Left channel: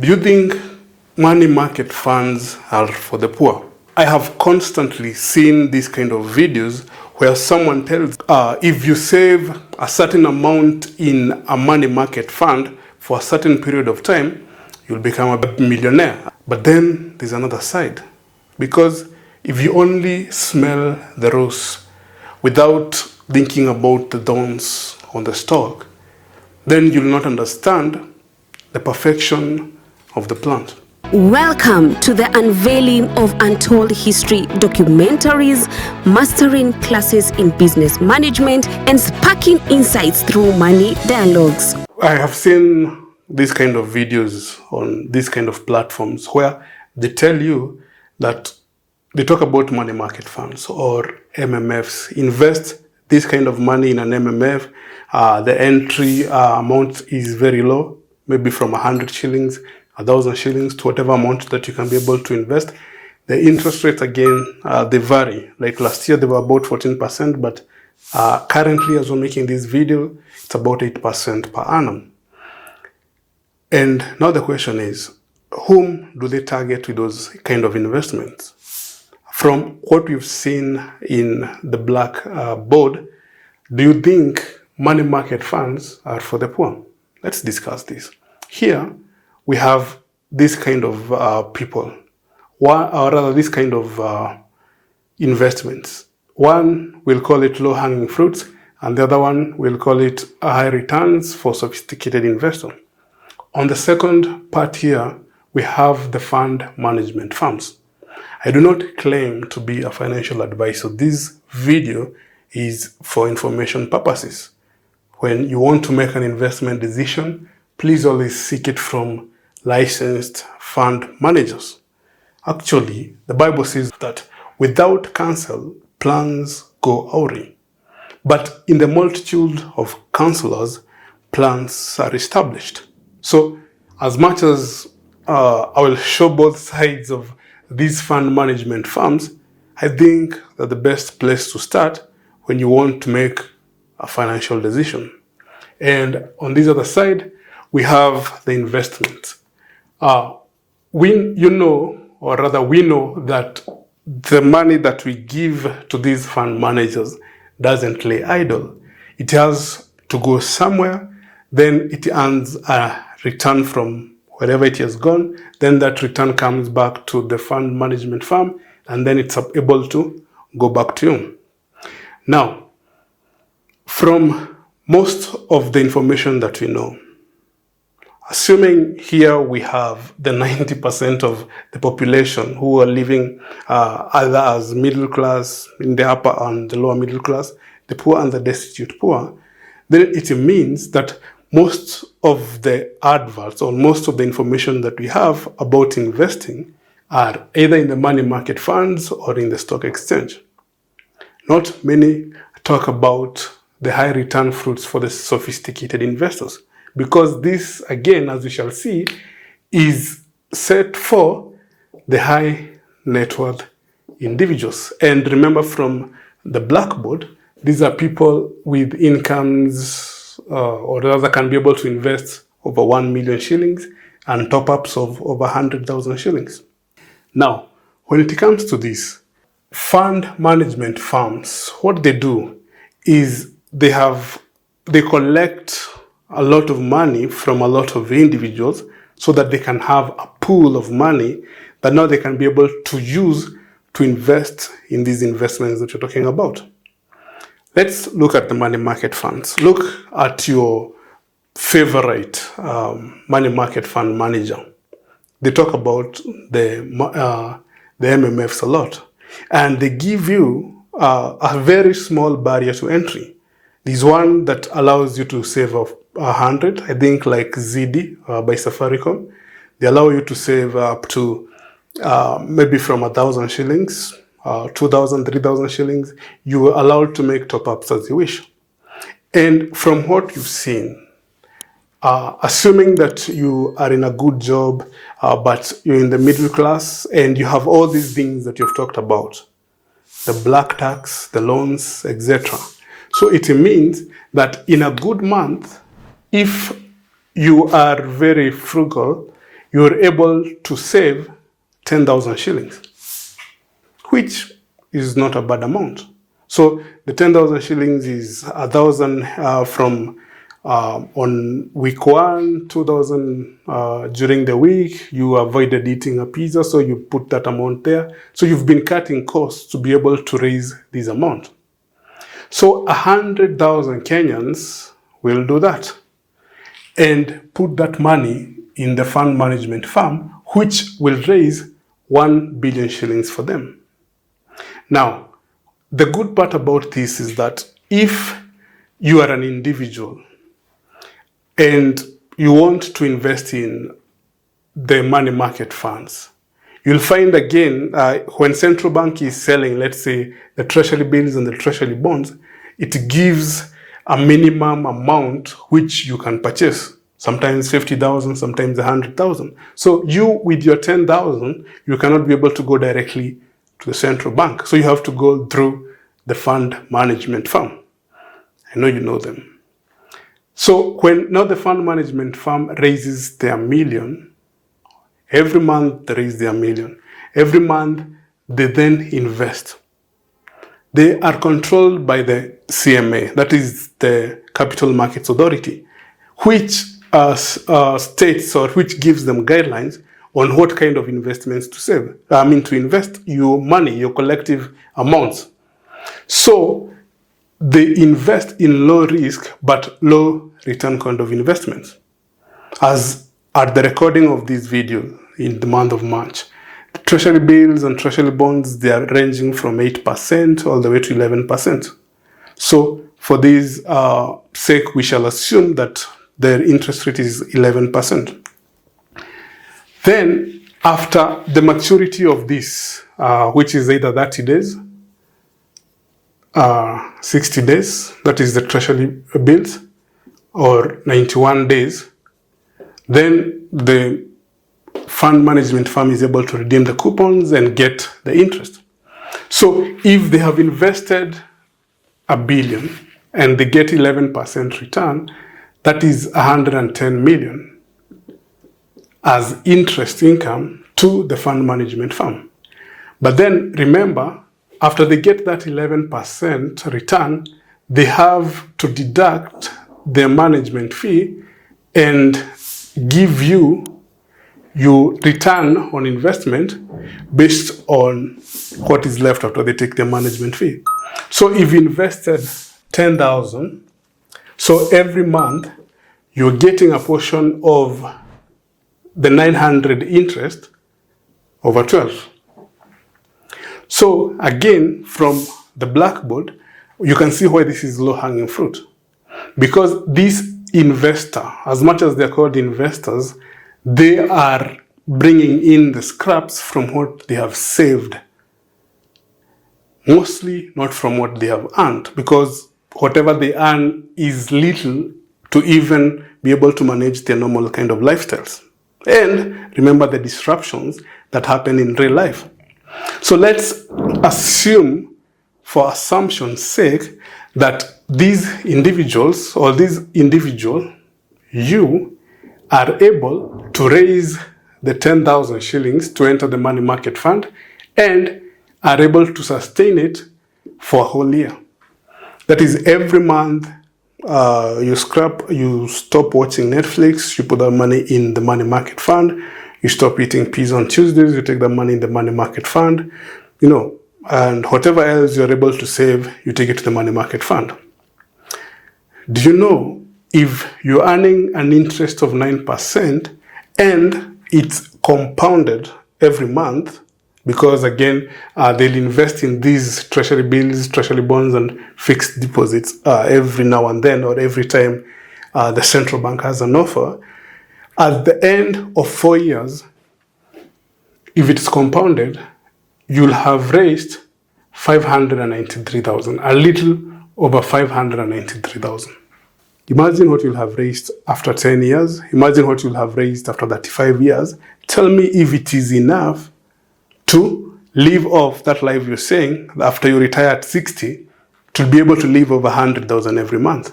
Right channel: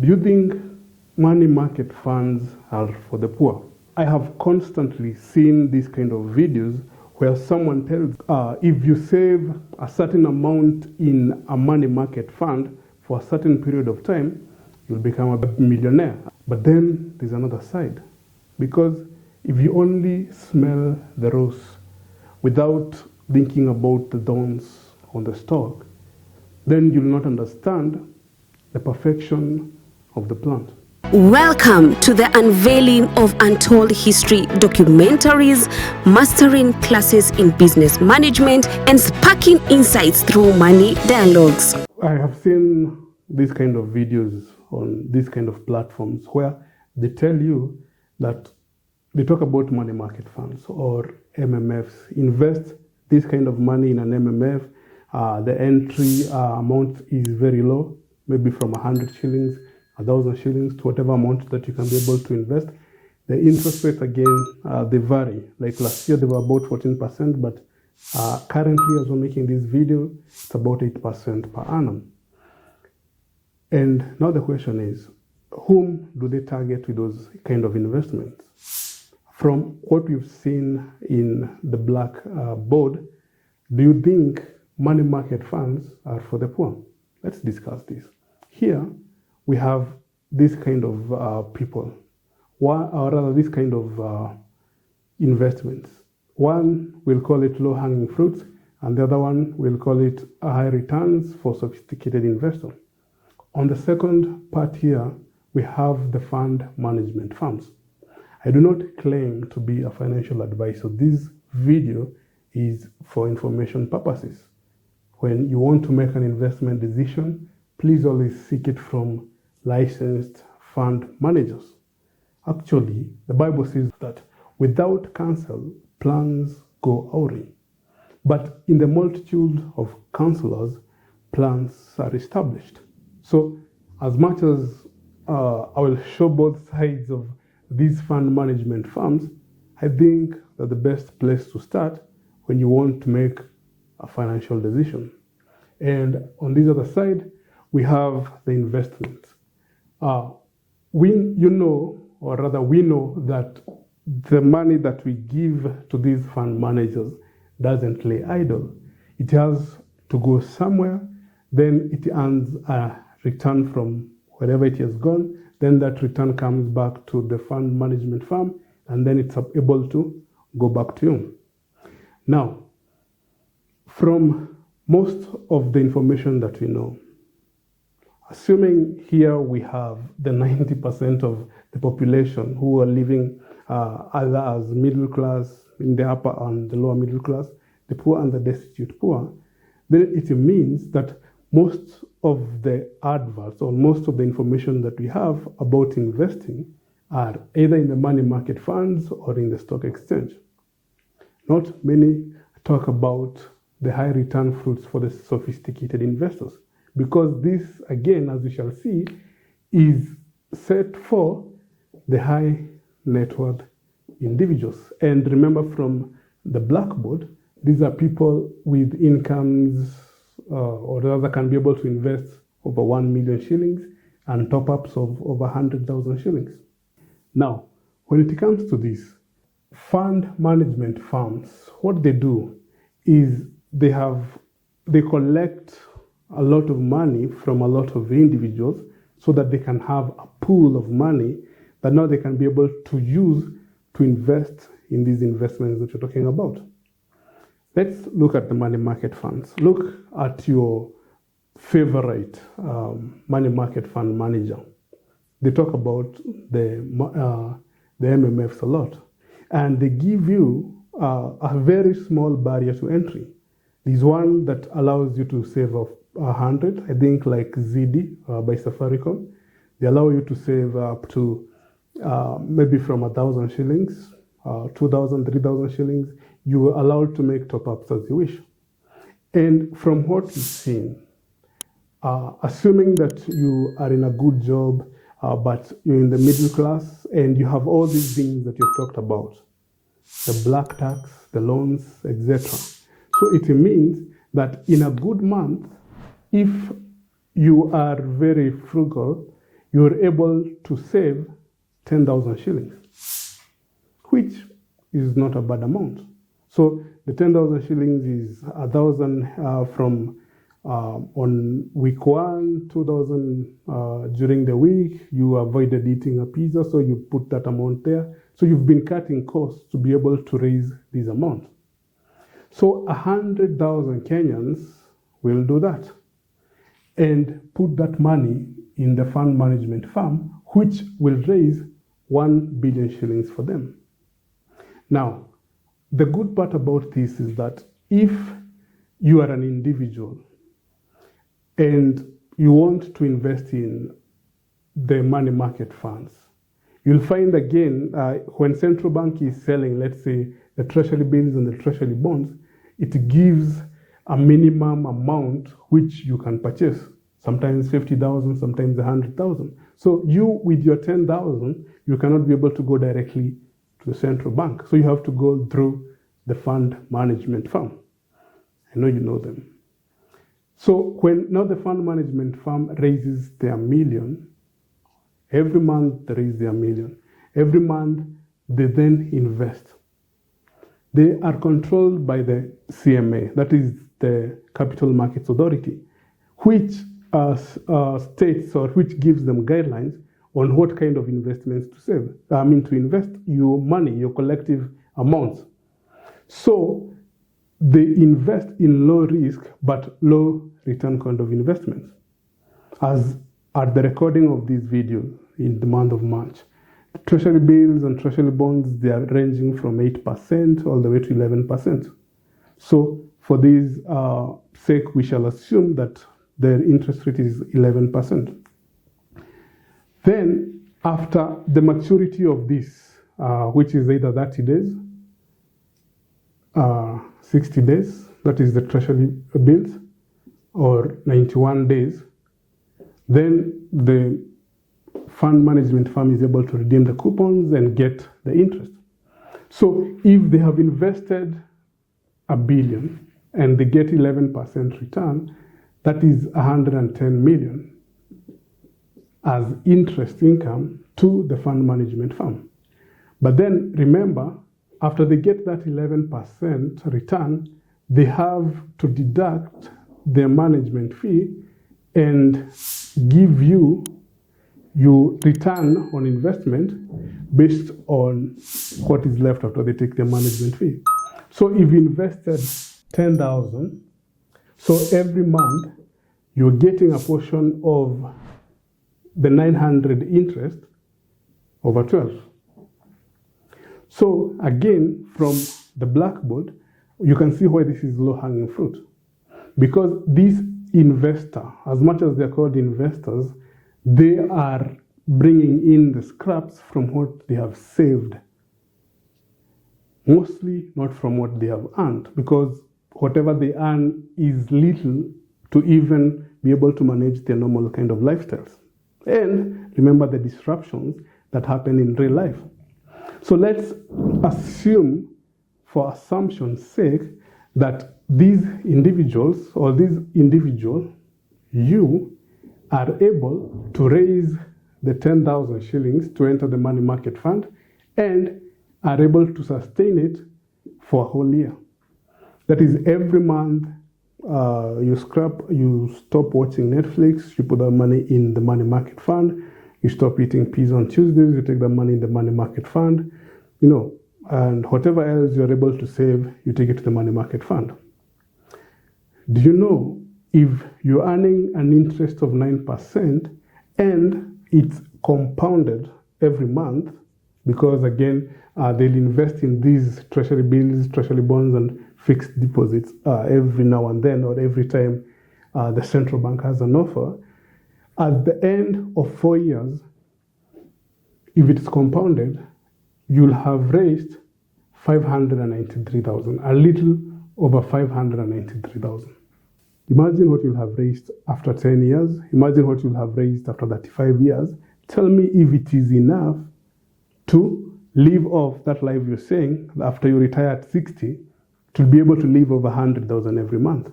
Do you think money market funds are for the poor? I have constantly seen these kind of videos where someone tells, if you save a certain amount in a money market fund for a certain period of time, you'll become a millionaire. But then there's another side. Because if you only smell the rose without thinking about the thorns on the stalk, then you'll not understand the perfection of the plant. Welcome to the unveiling of untold history documentaries, mastering classes in business management, and sparking insights through money dialogues. I have seen these kind of videos on these kind of platforms where they tell you that they talk about money market funds or MMFs. Invest this kind of money in an MMF. The entry amount is very low, maybe from 100 shillings, 1,000 shillings to whatever amount that you can be able to invest. The interest rates, again, they vary. Like last year, they were about 14%, but currently, as we're making this video, it's about 8% per annum. And now the question is, whom do they target with those kind of investments? From what we've seen in the black board, do you think money market funds are for the poor? Let's discuss this. Here, we have this kind of people, or rather this kind of investments. One, we'll call it low-hanging fruits, and the other one, we'll call it high returns for sophisticated investor. On the second part here, we have the fund management firms. I do not claim to be a financial advisor. This video is for information purposes. When you want to make an investment decision, please always seek it from licensed fund managers. Actually, the Bible says that without counsel, plans go awry. But in the multitude of counselors, plans are established. So as much as I will show both sides of these fund management firms, I think that the best place to start when you want to make a financial decision. And on this other side, we have the investment. We know that the money that we give to these fund managers doesn't lay idle. It has to go somewhere, then it earns a return from wherever it has gone, then that return comes back to the fund management firm, and then it's able to go back to you. Now, from most of the information that we know, assuming here we have the 90% of the population who are living either as middle class, in the upper and the lower middle class, the poor and the destitute poor, then it means that most of the adverts or most of the information that we have about investing are either in the money market funds or in the stock exchange. Not many talk about the high return fruits for the sophisticated investors, because this, again, as we shall see, is set for the high net worth individuals. And remember, from the blackboard, these are people with incomes or rather can be able to invest over 1 million shillings and top-ups of over 100,000 shillings. Now, when it comes to this, fund management firms, what they do is they collect a lot of money from a lot of individuals so that they can have a pool of money that now they can be able to use to invest in these investments that you're talking about. Let's look at the money market funds. Look at your favorite money market fund manager. They talk about the MMFs a lot, and they give you a very small barrier to entry. There's one that allows you to save 100, I think, like ZD by Safaricom. They allow you to save up to maybe from 1,000 shillings, 2,000, 3,000 shillings. You are allowed to make top-ups as you wish. And from what you've seen, assuming that you are in a good job, but you're in the middle class and you have all these things that you've talked about, the black tax, the loans, etc. So it means that in a good month, if you are very frugal, you're able to save 10,000 shillings, which is not a bad amount. So the 10,000 shillings is 1,000 from on week 1, 2,000 during the week. You avoided eating a pizza, so you put that amount there. So you've been cutting costs to be able to raise this amount. So 100,000 Kenyans will do that and put that money in the fund management firm, which will raise 1 billion shillings for them. Now, the good part about this is that if you are an individual and you want to invest in the money market funds, you'll find again, when central bank is selling, let's say, the treasury bills and the treasury bonds, it gives a minimum amount which you can purchase. Sometimes 50,000, sometimes 100,000. So you, with your 10,000, you cannot be able to go directly to the central bank. So you have to go through the fund management firm. I know you know them. So when now the fund management firm raises their million, every month they raise their million. Every month they then invest. They are controlled by the CMA, that is the Capital Markets Authority, which states or which gives them guidelines on what kind of investments to save. To invest your money, your collective amounts. So they invest in low risk but low return kind of investments. As at the recording of this video in the month of March, treasury bills and treasury bonds, they are ranging from 8% all the way to 11%. So for this sake, we shall assume that their interest rate is 11%. Then after the maturity of this, which is either 30 days, 60 days, that is the treasury bills, or 91 days, then the fund management firm is able to redeem the coupons and get the interest. So if they have invested $1 billion and they get 11% return, that is 110 million as interest income to the fund management firm. But then remember, after they get that 11% return, they have to deduct their management fee and give you your return on investment based on what is left after they take their management fee. So if you invested 10,000, so every month you're getting a portion of the 900 interest over 12. So again, from the blackboard, you can see why this is low-hanging fruit. Because this investor, as much as they're called investors, they are bringing in the scraps from what they have saved. Mostly not from what they have earned, because whatever they earn is little to even be able to manage their normal kind of lifestyles. And remember the disruptions that happen in real life. So let's assume, for assumption's sake, that these individuals, or this individual, you, are able to raise the 10,000 shillings to enter the money market fund and are able to sustain it for a whole year. That is, every month you stop watching Netflix, you put that money in the money market fund, you stop eating pizza on Tuesdays, you take that money in the money market fund, and whatever else you're able to save, you take it to the money market fund. Do you know, if you're earning an interest of 9% and it's compounded every month, because again, they'll invest in these treasury bills, treasury bonds, and fixed deposits every now and then, or every time the central bank has an offer. At the end of 4 years, if it's compounded, you'll have raised 593,000, a little over 593,000. Imagine what you'll have raised after 10 years. Imagine what you'll have raised after 35 years. Tell me if it is enough to live off that life you're saying after you retire at 60 to be able to live over 100,000 every month.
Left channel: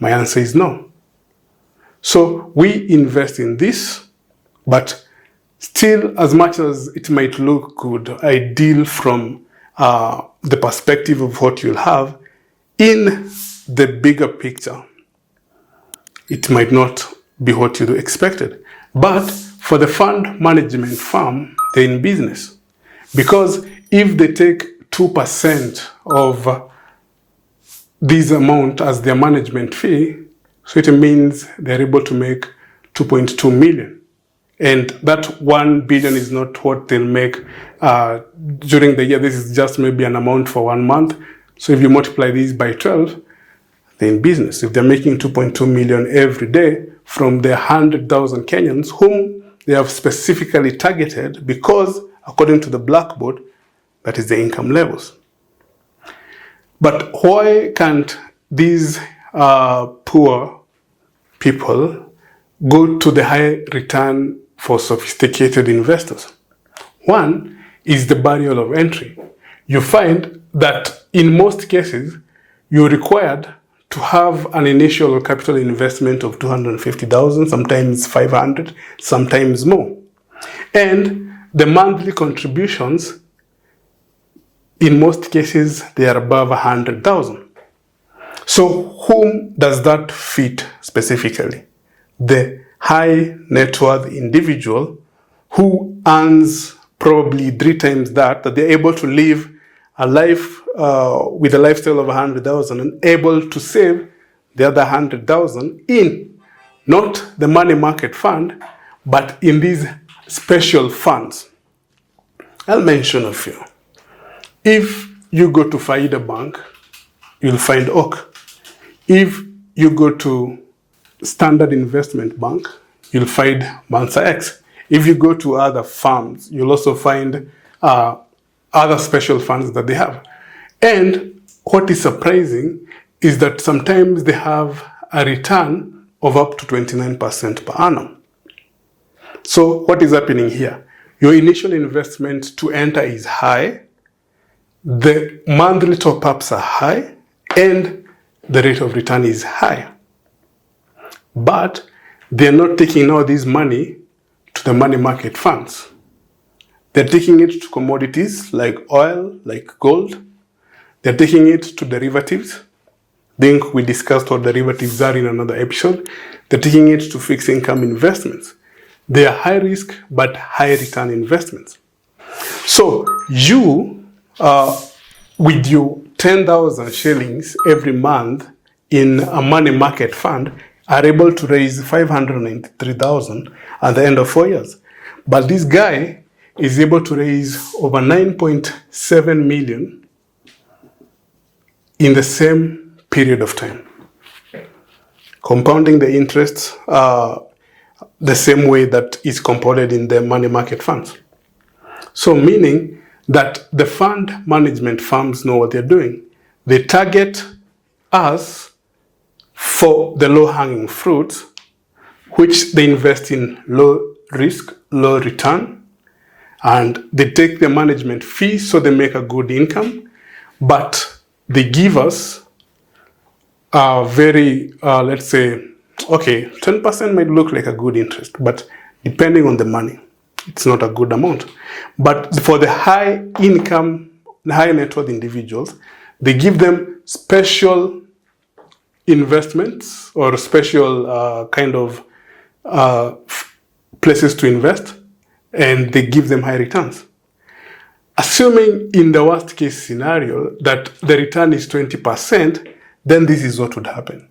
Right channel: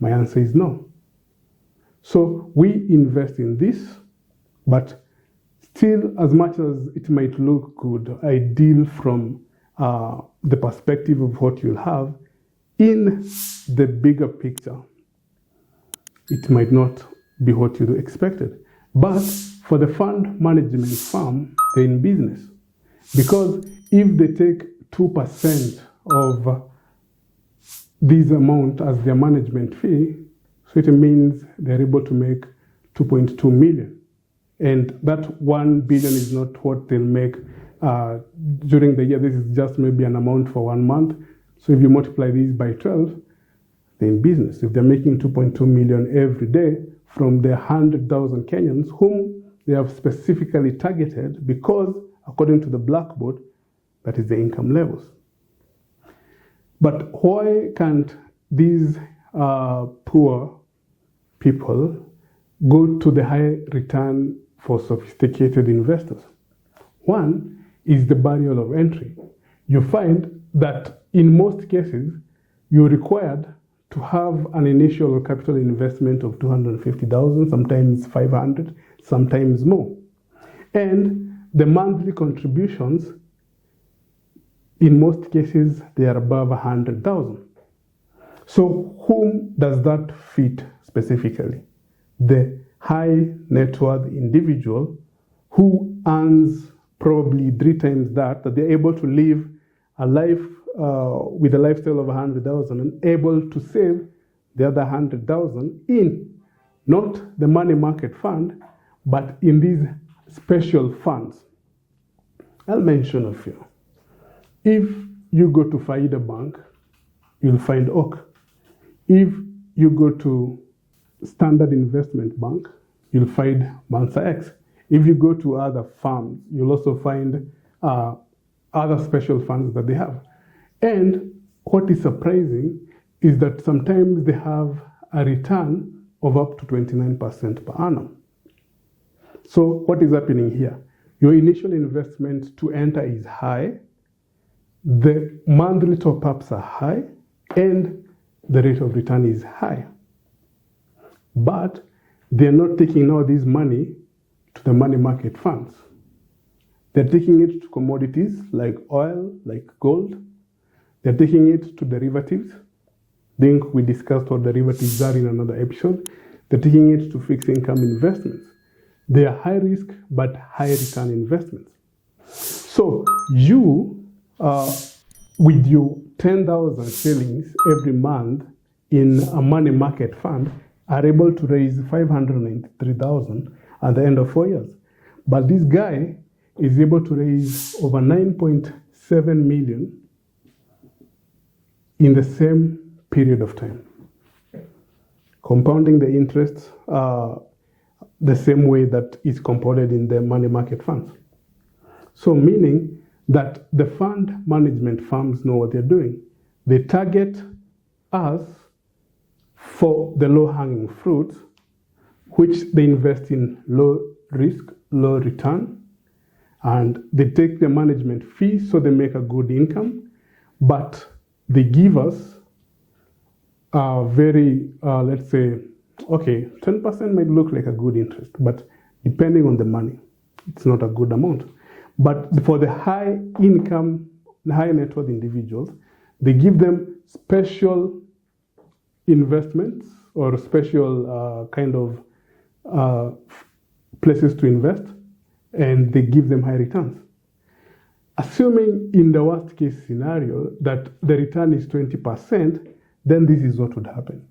My answer is no. So we invest in this But still, as much as it might look good, ideal from the perspective of what you'll have, in the bigger picture, it might not be what you expected. But for the fund management firm, they're in business. Because if they take 2% of this amount as their management fee, so it means they're able to make 2.2 million. And that 1 billion is not what they'll make during the year. This is just maybe an amount for 1 month. So if you multiply this by 12, they're in business. If they're making 2.2 million every day from the 100,000 Kenyans whom they have specifically targeted, because according to the blackboard, that is the income levels. But why can't these poor people go to the high return for sophisticated investors? One is the barrier of entry. You find that in most cases, you're required to have an initial capital investment of 250,000, sometimes 500, sometimes more. And the monthly contributions, in most cases, they are above 100,000. So whom does that fit specifically? The high net worth individual who earns probably 3 times that they're able to live a life with a lifestyle of 100,000 and able to save the other 100,000 in not the money market fund, but in these special funds. I'll mention a few. If you go to Faida Bank, you'll find Oak. If you go to Standard Investment Bank, you'll find Mansa X. If you go to other firms, you'll also find other special funds that they have. And what is surprising is that sometimes they have a return of up to 29% per annum. So what is happening here? Your initial investment to enter is high, the monthly top-ups are high, and the rate of return is high. But they're not taking all this money to the money market funds. They're taking it to commodities like oil, like gold. They're taking it to derivatives. I think we discussed what derivatives are in another episode. They're taking it to fixed income investments. They are high risk but high return investments. So you, with your 10,000 shillings every month in a money market fund, are able to raise 593,000 at the end of 4 years. But this guy is able to raise over 9.7 million in the same period of time, compounding the interest the same way that is compounded in the money market funds. So meaning that the fund management firms know what they're doing. They target us for the low-hanging fruits, which they invest in low risk, low return, and they take the management fee so they make a good income, but they give us a very, let's say, okay, 10% might look like a good interest, but depending on the money, it's not a good amount. But for the high income, high net worth individuals, they give them special investments or special kind of places to invest, and they give them high returns. Assuming in the worst case scenario that the return is 20%, then this is what would happen.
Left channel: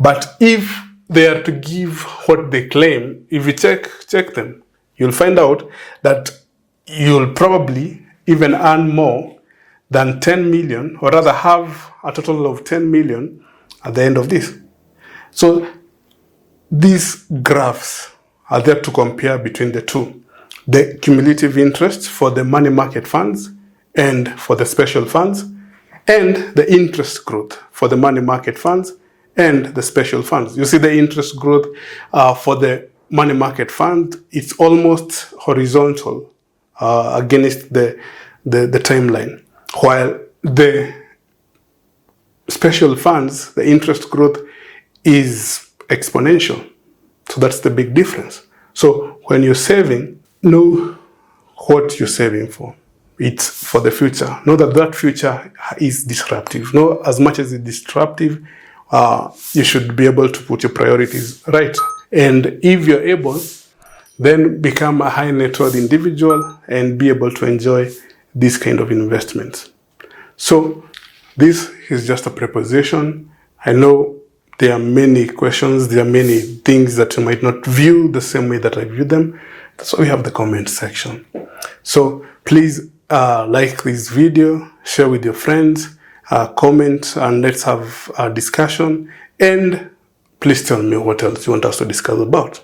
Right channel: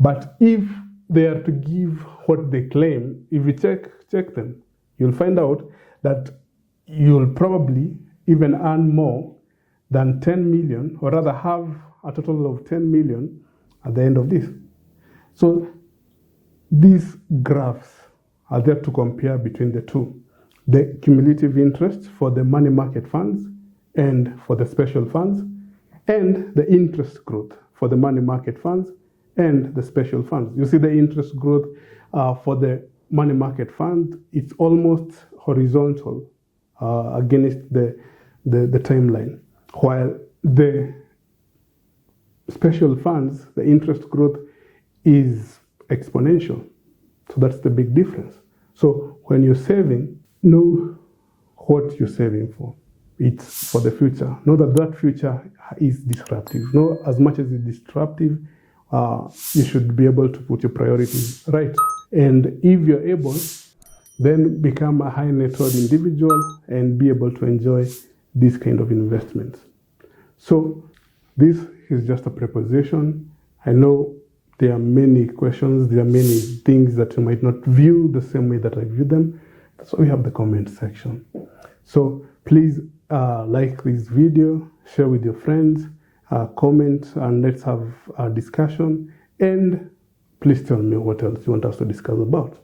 But if they are to give what they claim, if you check them, you'll find out that you'll probably even earn more than 10 million, or rather have a total of 10 million at the end of this. So these graphs are there to compare between the two. The cumulative interest for the money market funds and for the special funds, and the interest growth for the money market funds and the special funds. You see the interest growth for the money market fund, it's almost horizontal against the timeline, while the special funds, the interest growth is exponential. So that's the big difference. So when you're saving, know what you're saving for. It's for the future. Know that that future is disruptive. Know as much as it's disruptive, you should be able to put your priorities right. And if you're able, then become a high net worth individual and be able to enjoy this kind of investments. So this is just a preposition. I know there are many questions, there are many things that you might not view the same way that I view them. That's why we have the comment section. So please like this video, share with your friends, comment, and let's have a discussion. And please tell me what else you want us to discuss about.